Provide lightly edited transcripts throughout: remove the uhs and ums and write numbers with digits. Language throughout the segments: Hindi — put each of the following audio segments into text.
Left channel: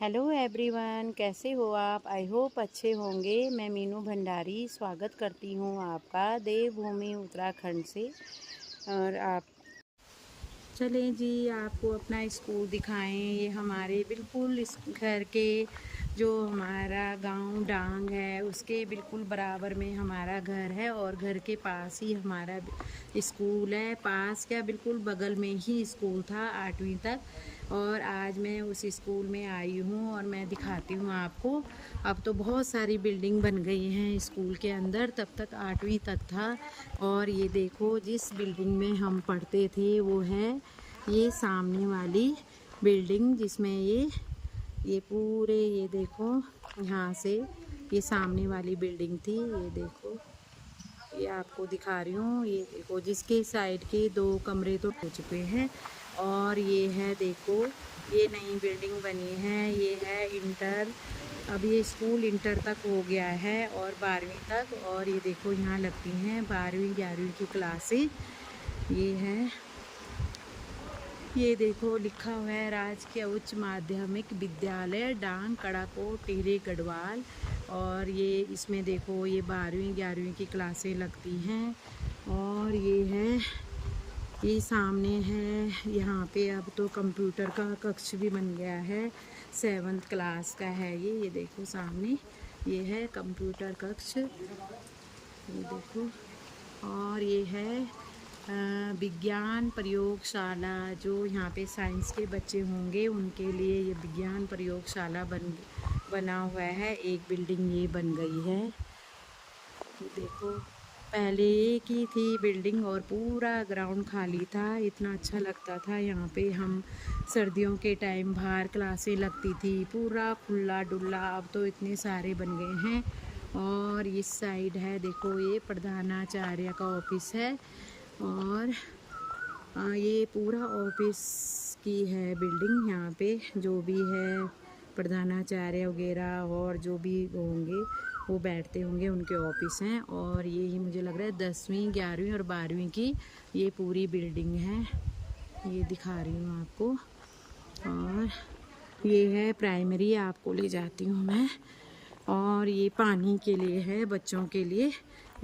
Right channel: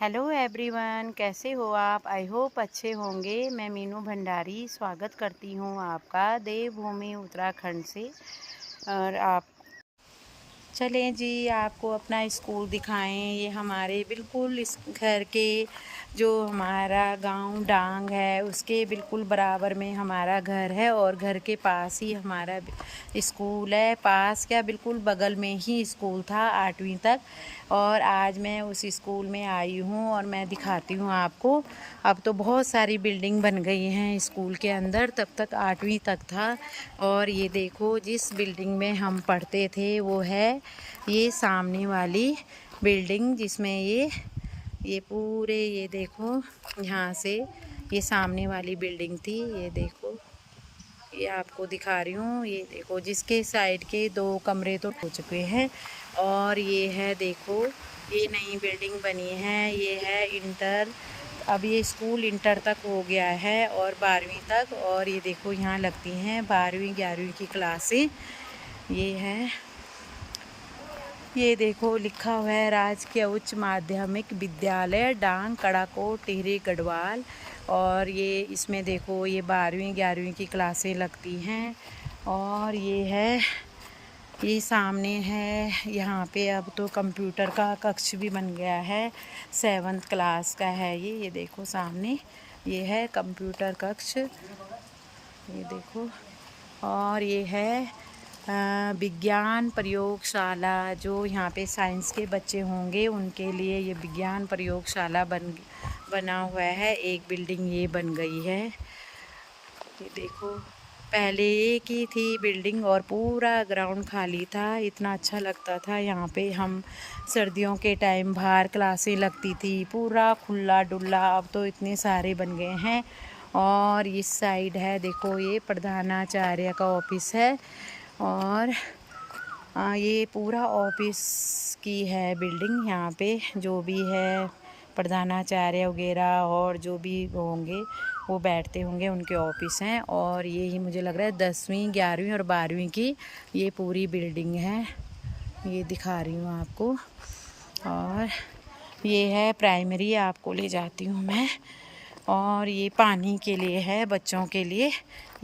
हेलो एवरीवन, कैसे हो आप। आई होप अच्छे होंगे। मैं मीनू भंडारी स्वागत करती हूँ आपका देवभूमि उत्तराखंड से। और आप चलें जी, आपको अपना स्कूल दिखाएं। ये हमारे बिल्कुल इस घर के जो हमारा गांव डांग है उसके बिल्कुल बराबर में हमारा घर है और घर के पास ही हमारा स्कूल है। पास क्या, बिल्कुल बगल में ही स्कूल था 8वीं तक। और आज मैं उस स्कूल में आई हूँ और मैं दिखाती हूँ आपको। अब तो बहुत सारी बिल्डिंग बन गई हैं स्कूल के अंदर, तब तक 8वीं तक था। और ये देखो, जिस बिल्डिंग में हम पढ़ते थे वो है ये सामने वाली बिल्डिंग, जिसमें ये पूरे, ये देखो यहाँ से ये सामने वाली बिल्डिंग थी। ये देखो, ये आपको दिखा रही हूँ। ये देखो, जिसके साइड के 2 कमरे तो हो चुके हैं। और ये है, देखो ये नई बिल्डिंग बनी है। ये है इंटर, अब ये स्कूल इंटर तक हो गया है और 12वीं तक। और ये देखो, यहाँ लगती हैं 12वीं 11वीं की क्लासें। ये है, ये देखो लिखा हुआ है राजकीय उच्च माध्यमिक विद्यालय डांग कड़ाकोट टिहरी गढ़वाल। और ये इसमें देखो, ये 12वीं 11वीं की क्लासें लगती हैं। और ये है, ये सामने है, यहाँ पे अब तो कंप्यूटर का कक्ष भी बन गया है। 7th क्लास का है ये देखो सामने, ये है कंप्यूटर कक्ष, ये देखो। और ये है विज्ञान प्रयोगशाला, जो यहाँ पे साइंस के बच्चे होंगे उनके लिए ये विज्ञान प्रयोगशाला बना हुआ है। एक बिल्डिंग ये बन गई है। ये देखो, पहले एक ही थी बिल्डिंग और पूरा ग्राउंड खाली था। इतना अच्छा लगता था यहाँ पे। हम सर्दियों के टाइम बाहर क्लासें लगती थी, पूरा खुला डुल्ला। अब तो इतने सारे बन गए हैं। और इस साइड है, देखो ये प्रधानाचार्य का ऑफिस है। और ये पूरा ऑफिस की है बिल्डिंग। यहाँ पे जो भी है प्रधानाचार्य वगैरह और जो भी होंगे वो बैठते होंगे, उनके ऑफिस हैं। और ये ही मुझे लग रहा है 10वीं 11वीं और 12वीं की ये पूरी बिल्डिंग है। ये दिखा रही हूँ आपको। और ये है प्राइमरी, आपको ले जाती हूँ मैं। और ये पानी के लिए है, बच्चों के लिए।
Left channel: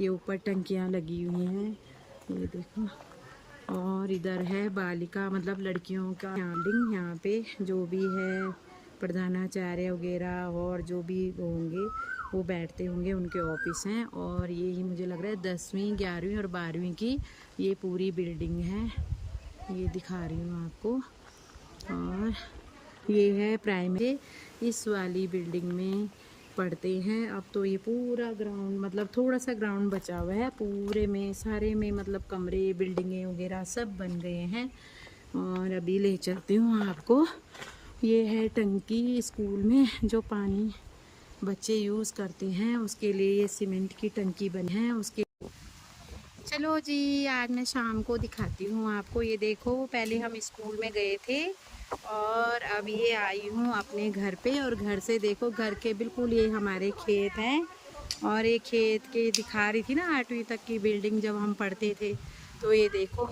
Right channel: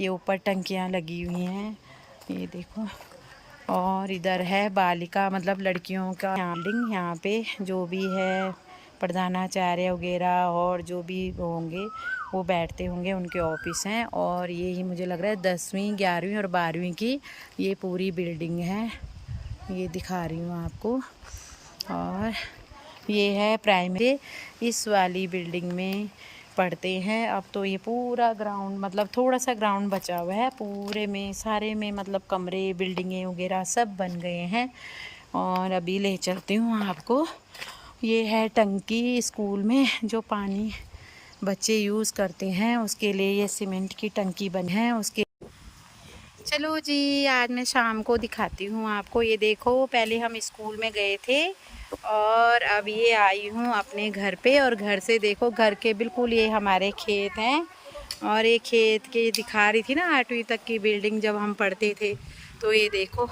ये ऊपर टंकियाँ लगी हुई हैं, ये देखो। और इधर है बालिका, मतलब लड़कियों का बिल्डिंग। यहाँ पे जो भी है प्रधानाचार्य वगैरह और जो भी होंगे वो बैठते होंगे, उनके ऑफिस हैं। और ये ही मुझे लग रहा है 10वीं 11वीं और 12वीं की ये पूरी बिल्डिंग है। ये दिखा रही हूँ आपको। और ये है प्राइमरी, इस वाली बिल्डिंग में पढ़ते हैं। अब तो ये पूरा ग्राउंड, मतलब थोड़ा सा ग्राउंड बचा हुआ है, पूरे में सारे में मतलब कमरे बिल्डिंगें वगैरह सब बन गए हैं। और अभी ले चलती हूँ आपको। ये है टंकी स्कूल में, जो पानी बच्चे यूज़ करते हैं उसके लिए ये सीमेंट की टंकी बनी है उसके। चलो जी, आज मैं शाम को दिखाती हूँ आपको। ये देखो, पहले हम स्कूल में गए थे और अब ये आई हूँ अपने घर पे। और घर से देखो, घर के बिल्कुल ये हमारे खेत हैं। और ये खेत के दिखा रही थी ना 8वीं तक की बिल्डिंग जब हम पढ़ते थे, तो ये देखो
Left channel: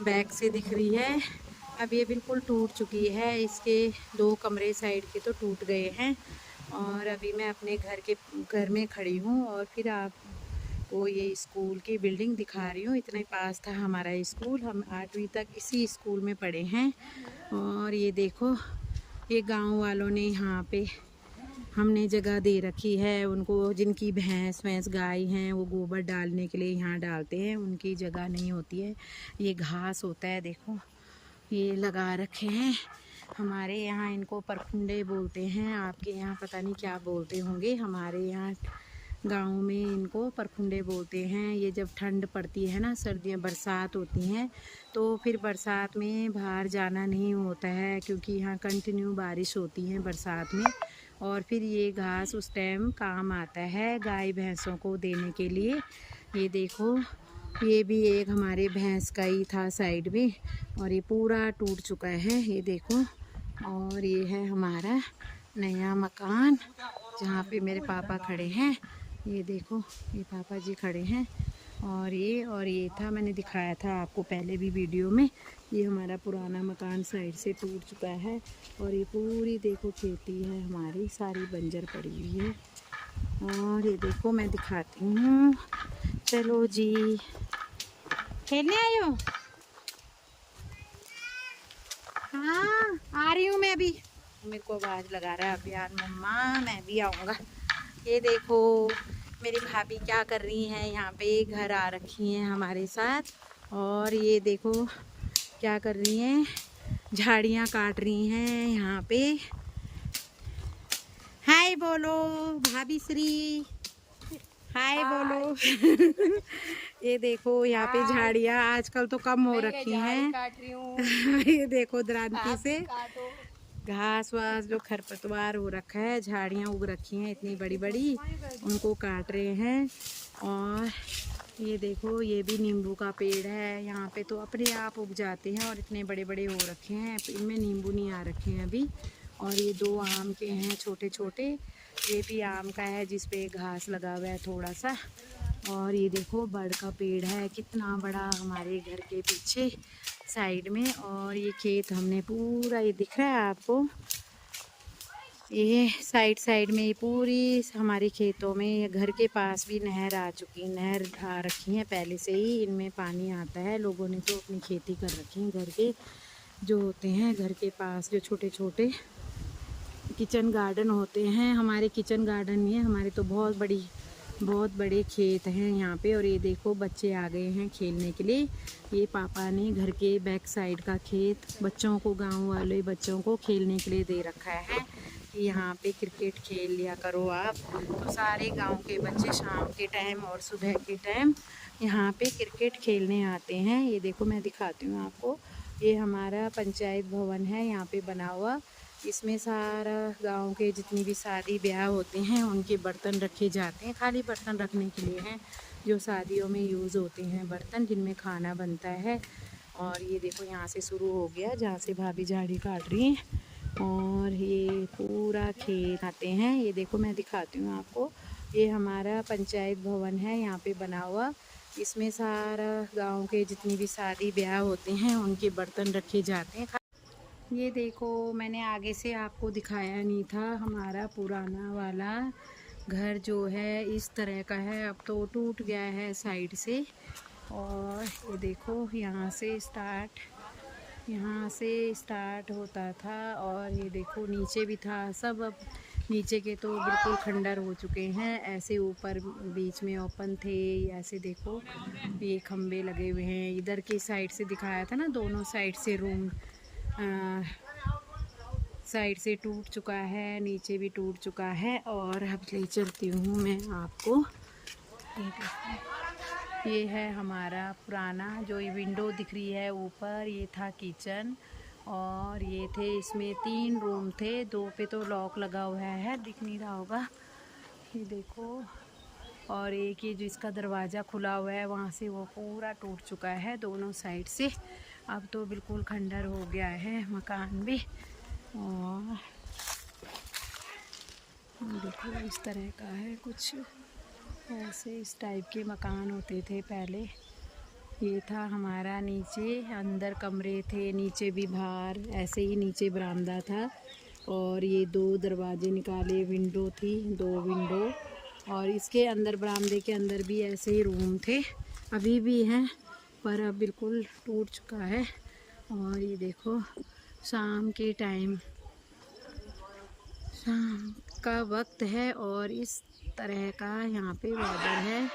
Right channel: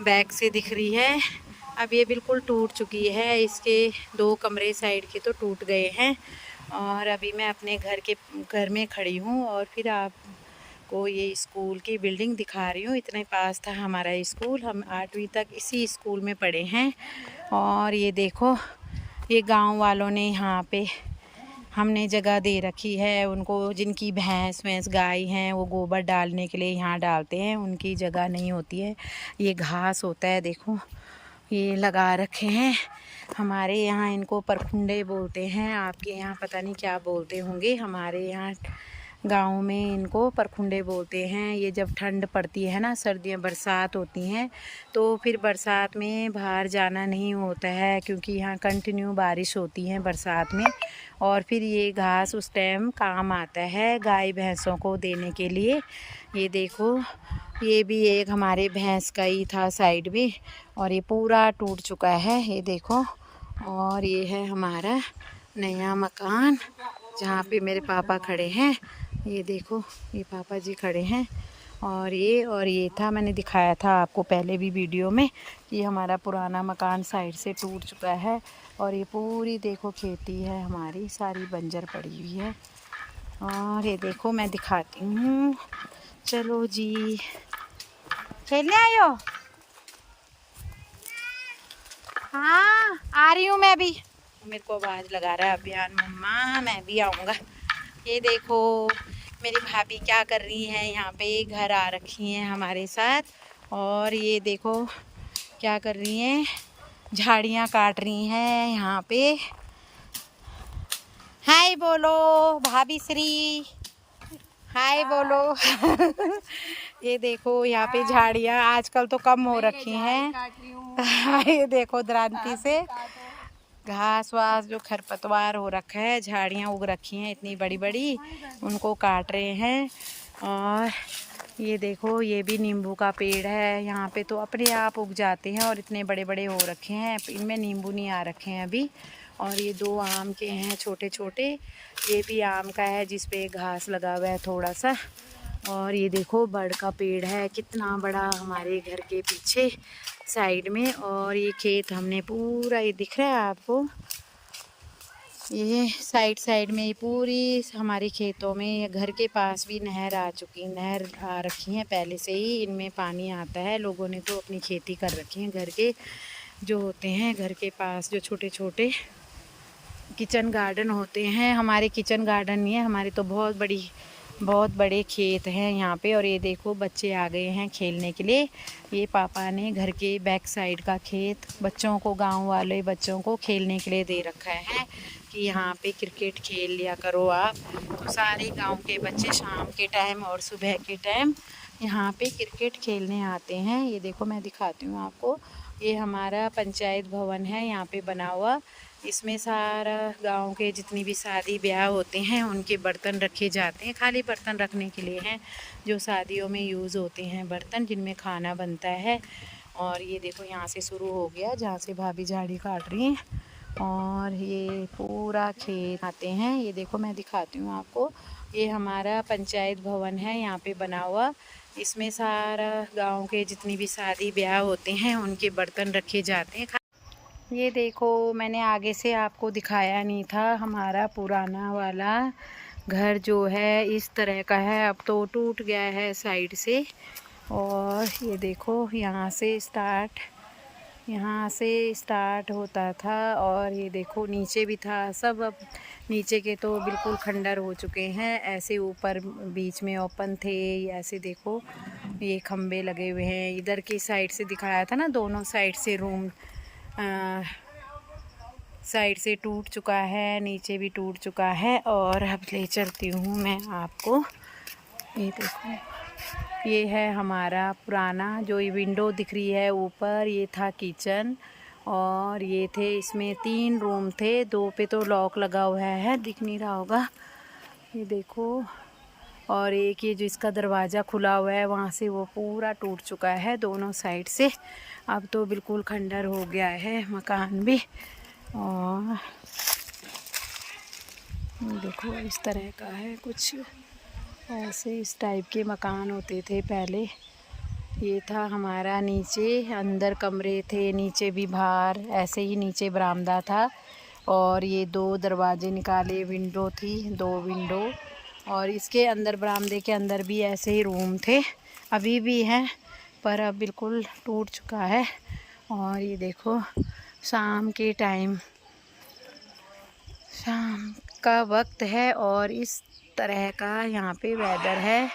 बैक से दिख रही है। अब ये बिल्कुल टूट चुकी है, इसके 2 कमरे साइड के तो टूट गए हैं। और अभी मैं अपने घर में खड़ी हूँ और फिर आपको ये स्कूल की बिल्डिंग दिखा रही हूँ। इतने पास था हमारा स्कूल, हम 8वीं तक इसी स्कूल में पढ़े हैं। और ये देखो, ये गांव वालों ने यहाँ पे हमने जगह दे रखी है उनको, जिनकी भैंस गाय हैं वो गोबर डालने के लिए यहाँ डालते हैं, उनकी जगह नहीं होती है। ये घास होता है, देखो ये लगा रखे हैं। हमारे यहाँ इनको परखुंडे बोलते हैं, आपके यहाँ पता नहीं क्या बोलते होंगे। हमारे यहाँ गांव में इनको परखुंडे बोलते हैं। ये जब ठंड पड़ती है ना, सर्दियाँ बरसात होती हैं, तो फिर बरसात में बाहर जाना नहीं होता है, क्योंकि यहाँ कंटिन्यू बारिश होती है बरसात में। और फिर ये घास उस टाइम काम आता है गाय भैंसों को देने के लिए। ये देखो, ये भी एक हमारे भैंस का ही था साइड में, और ये पूरा टूट चुका है, ये देखो। और ये है हमारा नया मकान, जहाँ पे मेरे पापा खड़े हैं। ये देखो, ये पापा जी खड़े हैं। और ये था, मैंने दिखाया था आपको पहले भी वीडियो में, ये हमारा पुराना मकान साइड से टूट चुका है। और ये पूरी देखो खेती है हमारी, सारी बंजर पड़ी हुई है। और ये देखो मैं दिखाती हूँ। चलो जी, खेलने आए हो? हाँ आ रही हूँ मैं भी। मेरे को आवाज़ लगा रहा है अभियान, मम्मा मैं भी आऊँगा। ये देखो मेरी भाभी क्या कर रही हैं, यहाँ पे घर आ रखी हैं हमारे साथ। और ये देखो क्या कर रही हैं, झाड़ियाँ काट रही हैं यहाँ पे। हाय बोलो भाभी श्री, हाय बोलो। ये देखो यहाँ पे झाड़ियाँ आजकल तो कम हो रखी हैं। ये देखो द्रांति से घास वास जो खरपतवार हो रखा है, झाड़ियाँ उग रखी हैं इतनी बड़ी बड़ी, उनको काट रहे हैं। और ये देखो ये भी नींबू का पेड़ है, यहाँ पे तो अपने आप उग जाते हैं और इतने बड़े बड़े हो रखे हैं। इनमें नींबू नहीं आ रखे हैं अभी। और ये 2 आम के हैं छोटे छोटे, ये भी आम का है जिस पे घास लगा हुआ है थोड़ा सा। और ये देखो बड़ का पेड़ है कितना बड़ा हमारे घर के पीछे साइड में। और ये खेत हमने पूरा, ये दिख रहा है आपको, ये साइड में ये पूरी हमारे खेतों में, घर के पास भी नहर आ रखी है पहले से ही, इनमें पानी आता है। लोगों ने तो अपनी खेती कर रखी है, घर के जो होते हैं घर के पास जो छोटे छोटे किचन गार्डन होते हैं। हमारे किचन गार्डन नहीं है, हमारे तो बहुत बड़े खेत हैं यहाँ पे। और ये देखो बच्चे आ गए हैं खेलने के लिए। ये पापा ने घर के बैक साइड का खेत बच्चों को, गांव वाले बच्चों को खेलने के लिए दे रखा है कि यहाँ पे क्रिकेट खेल लिया करो आप। तो सारे गांव के बच्चे शाम के टाइम और सुबह के टाइम यहाँ पे क्रिकेट खेलने आते हैं। ये देखो मैं दिखाती हूँ आपको, ये हमारा पंचायत भवन है यहाँ पे बना हुआ। इसमें सारा गांव के जितनी भी शादी ब्याह होते हैं उनके बर्तन रखे जाते हैं, खाली बर्तन रखने के लिए हैं, जो शादियों में यूज़ होते हैं बर्तन जिनमें खाना बनता है। और ये देखो यहाँ से शुरू हो गया जहाँ से भाभी झाड़ी काट रही हैं। और ये पूरा खेत आते हैं। ये देखो मैं दिखाती हूँ आपको, ये हमारा पंचायत भवन है यहाँ पे बना हुआ। इसमें सारा गांव के जितनी भी शादी ब्याह होते हैं उनके बर्तन रखे जाते हैं। ये देखो मैंने आगे से आपको दिखाया नहीं था, हमारा पुराना वाला घर जो है इस तरह का है, अब तो टूट गया है साइड से। और ये देखो यहाँ से स्टार्ट होता था। और ये देखो नीचे भी था सब, अब नीचे के तो बिल्कुल खंडर हो चुके हैं। ऐसे ऊपर बीच में ओपन थे, ऐसे देखो ये खम्भे लगे हुए हैं। इधर की साइड से दिखाया था ना, दोनों साइड से रूम साइड से टूट चुका है, नीचे भी टूट चुका है। और अब ले चलती हूँ मैं आपको, ये देखो ये है हमारा पुराना जो ये विंडो दिख रही है ऊपर, ये था किचन। और ये थे, इसमें 3 रूम थे, 2 पे तो लॉक लगा हुआ है, दिख नहीं रहा होगा, ये देखो। और एक ये जिसका दरवाज़ा खुला हुआ है वहाँ से वो पूरा टूट चुका है दोनों साइड से, अब तो बिल्कुल खंडर हो गया है मकान भी। और देखो इस तरह का है कुछ, ऐसे इस टाइप के मकान होते थे पहले। ये था हमारा नीचे, अंदर कमरे थे, नीचे भी बाहर ऐसे ही नीचे बरामदा था। और ये 2 दरवाजे निकाले, विंडो थी, 2 विंडो। और इसके अंदर बरामदे के अंदर भी ऐसे ही रूम थे, अभी भी हैं पर अब बिल्कुल टूट चुका है। और ये देखो शाम के टाइम, शाम का वक्त है और इस तरह का यहाँ पे वेदर है।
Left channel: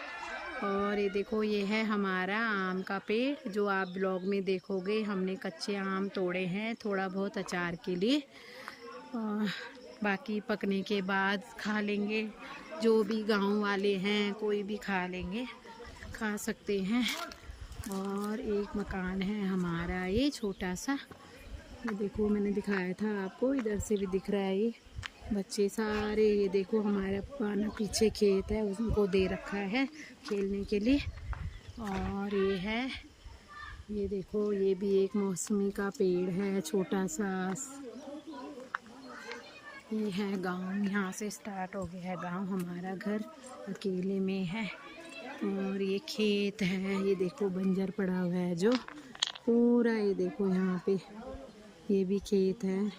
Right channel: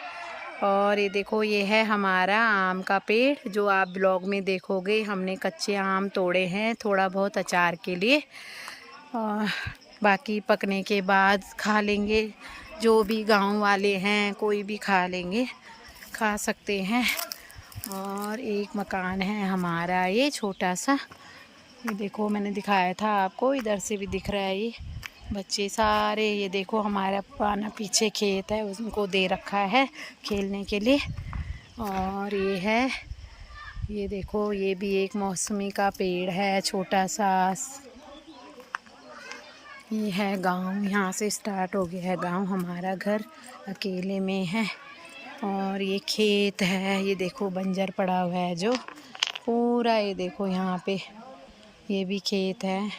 और ये देखो ये है हमारा आम का पेड़, जो आप ब्लॉग में देखोगे। हमने कच्चे आम तोड़े हैं थोड़ा बहुत अचार के लिए, और बाकी पकने के बाद खा लेंगे, जो भी गांव वाले हैं कोई भी खा लेंगे, खा सकते हैं। और एक मकान है हमारा ये छोटा सा, ये देखो मैंने दिखाया था आपको, इधर से भी दिख रहा है ये बच्चे सारे। ये देखो हमारा पुराना पीछे खेत है, उनको दे रखा है खेलने के लिए। और ये है, ये देखो ये भी एक मौसमी का पेड़ है छोटा सा। ये है गांव, यहाँ से स्टार्ट हो गया है गांव, हमारा घर अकेले में है। और ये खेत है, ये देखो बंजर पड़ा हुआ है जो पूरा, ये देखो यहाँ पे ये भी खेत है।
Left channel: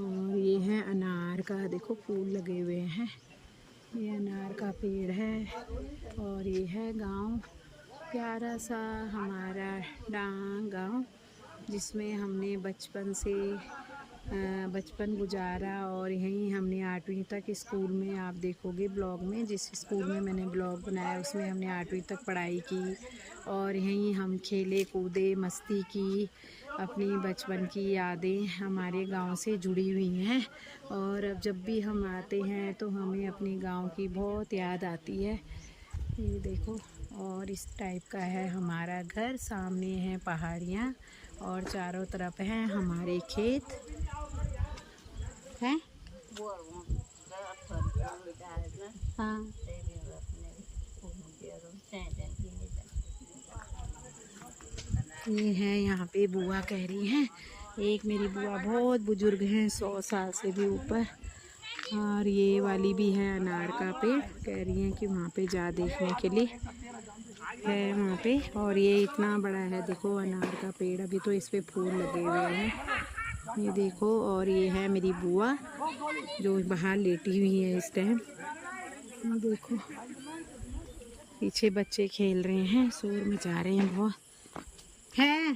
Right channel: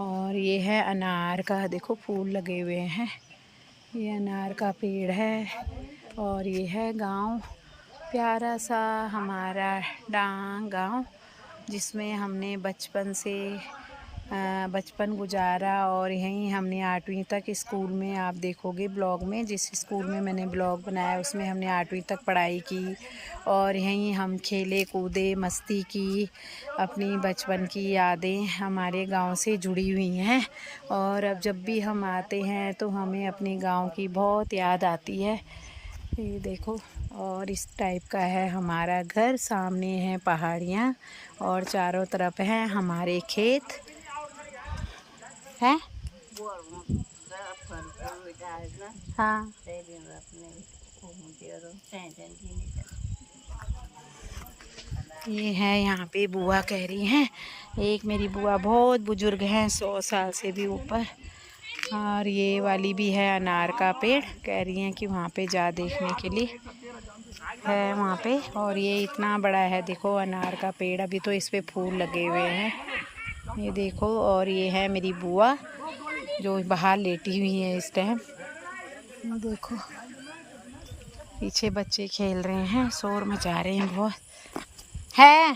और ये है अनार का, देखो फूल लगे हुए हैं। ये अनार का पेड़ है। और ये है गांव, प्यारा सा हमारा डांग गांव, जिसमें हमने बचपन गुजारा। और यहीं हमने 8वीं तक स्कूल में, आप देखोगे ब्लॉग में, जिस स्कूल में मैंने ब्लॉग बनाया उसमें हमने 8वीं तक पढ़ाई की। और यहीं हम खेले कूदे, मस्ती की। अपनी बचपन की यादें हमारे गांव से जुड़ी हुई हैं। और अब जब भी हम आते हैं तो हमें अपने गांव की बहुत याद आती है। ये देखो, और इस टाइप का है हमारा घर। सामने है पहाड़ियाँ और चारों तरफ हैं हमारे खेत हैं। हाँ, ये है यहाँ पे बुआ कह रही हैं। एक मेरी बुआ बहुत बुजुर्ग हैं, 100 साल से भी ऊपर। और ये वाली भी है अनार का पेड़, कह रही हैं कि वहाँ पे जा देखने के लिए है वहाँ पे। और ये इतना बड़ा है, देखो अनार का पेड़, अभी तो इस पे फूल लगे हुए हैं, ये देखो। और ये है मेरी बुआ जो बाहर लेटी हुई है इस टाइम। देखो पीछे बच्चे खेल रहे हैं, शोर मचा रहे हैं बहुत है।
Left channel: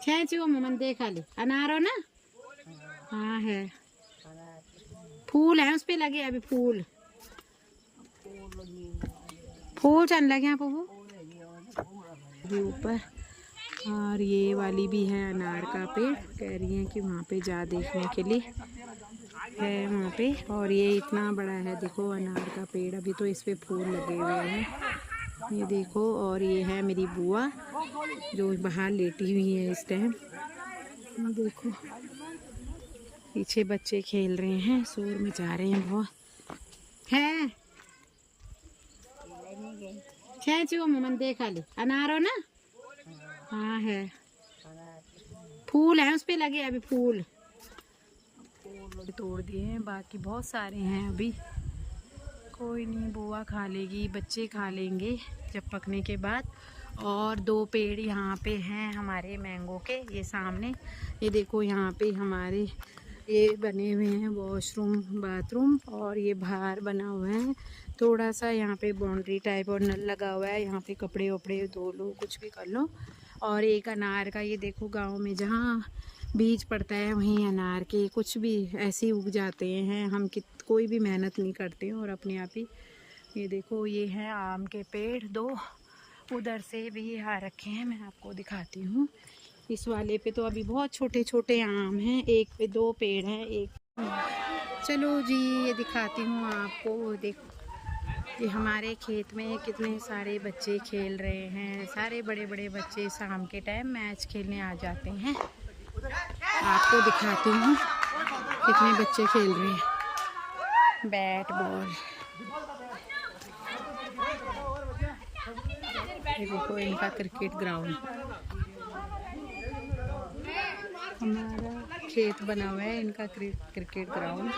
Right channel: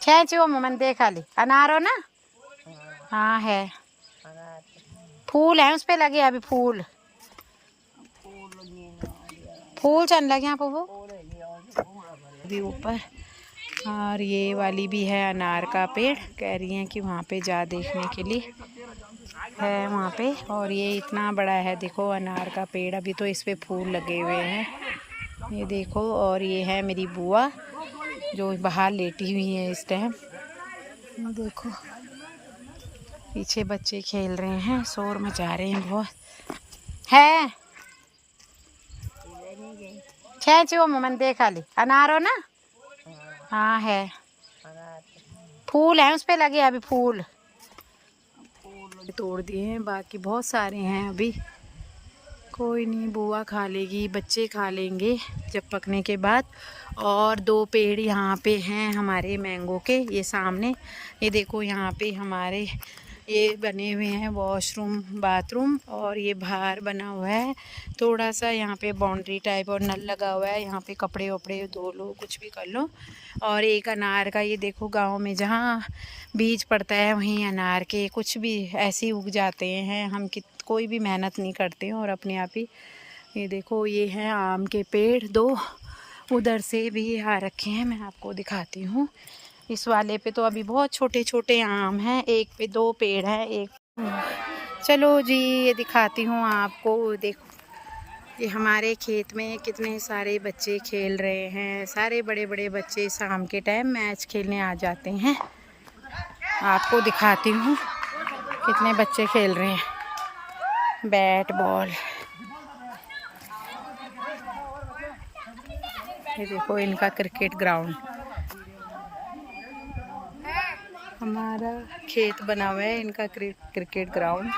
खेचो मन देखा ली, अनारो ना। हाँ है, फूल है उस पे लगे, अभी फूल चल लगे यहाँ पर वो अभी ऊपर। और ये वाली भी है अनार का पेड़, कह रही हैं कि वहाँ पे जा देखने के लिए है वहाँ पे। और ये इतना बड़ा है, देखो अनार का पेड़, अभी तो इस पे फूल लगे हुए हैं, ये देखो। और ये है मेरी बुआ जो बाहर लेटी हुई है इस टाइम। देखो पीछे बच्चे खेल रहे हैं, शोर मचा रहे हैं बहुत है। खेचो मन देखा ली, अनारो ना। हाँ है, फूल है उस पे लगे, अभी फूल तोड़ दिए हैं, बाकी बहुत सारे हैं अभी। कोई नहीं, बुआ खा लेगी, बच्चे खा लेंगे जब पकने के बाद। और 2 पेड़ यहाँ पे हैं हमारे मैंगो के, ये सामने, ये देखो यहाँ पे हमारे ये बने हुए हैं वॉशरूम बाथरूम। और ये बाहर बना हुआ है थोड़ा सा, यहाँ पे बाउंड्री टाइप और नल लगा हुआ है, यहाँ पे कपड़े वपड़े धो लो, कुछ भी कर लो। और एक अनार का, ये देखो गांव में जहाँ बीज पड़ता है वहीं अनार के कुछ भी ऐसे ही उग जाते हैं। हम कोई भी मेहनत नहीं करते हैं और अपने आप ही। ये देखो ये हैं आम के पेड़ 2, उधर से भी आ रखे हैं, मैं आपको दिखाती हूँ। इस वाले पे तो अभी बहुत छोटे छोटे आम हैं, एक पे 2 पेड़ हैं, एक। चलो जी, ये दिखाती हूँ आपको। देखो ये हमारे खेत में कितने सारे बच्चे खेल रहे हैं। सारे बड़े बड़े बच्चे शाम के टाइम मैच खेलने आ जाते हैं। आपको दिखाती हूँ कितने बच्चे खेल रहे हैं बैट बॉल। ये देखो इनका क्रिकेट ग्राउंड, हमारा खेत बना हुआ है, इनका क्रिकेट ग्राउंड।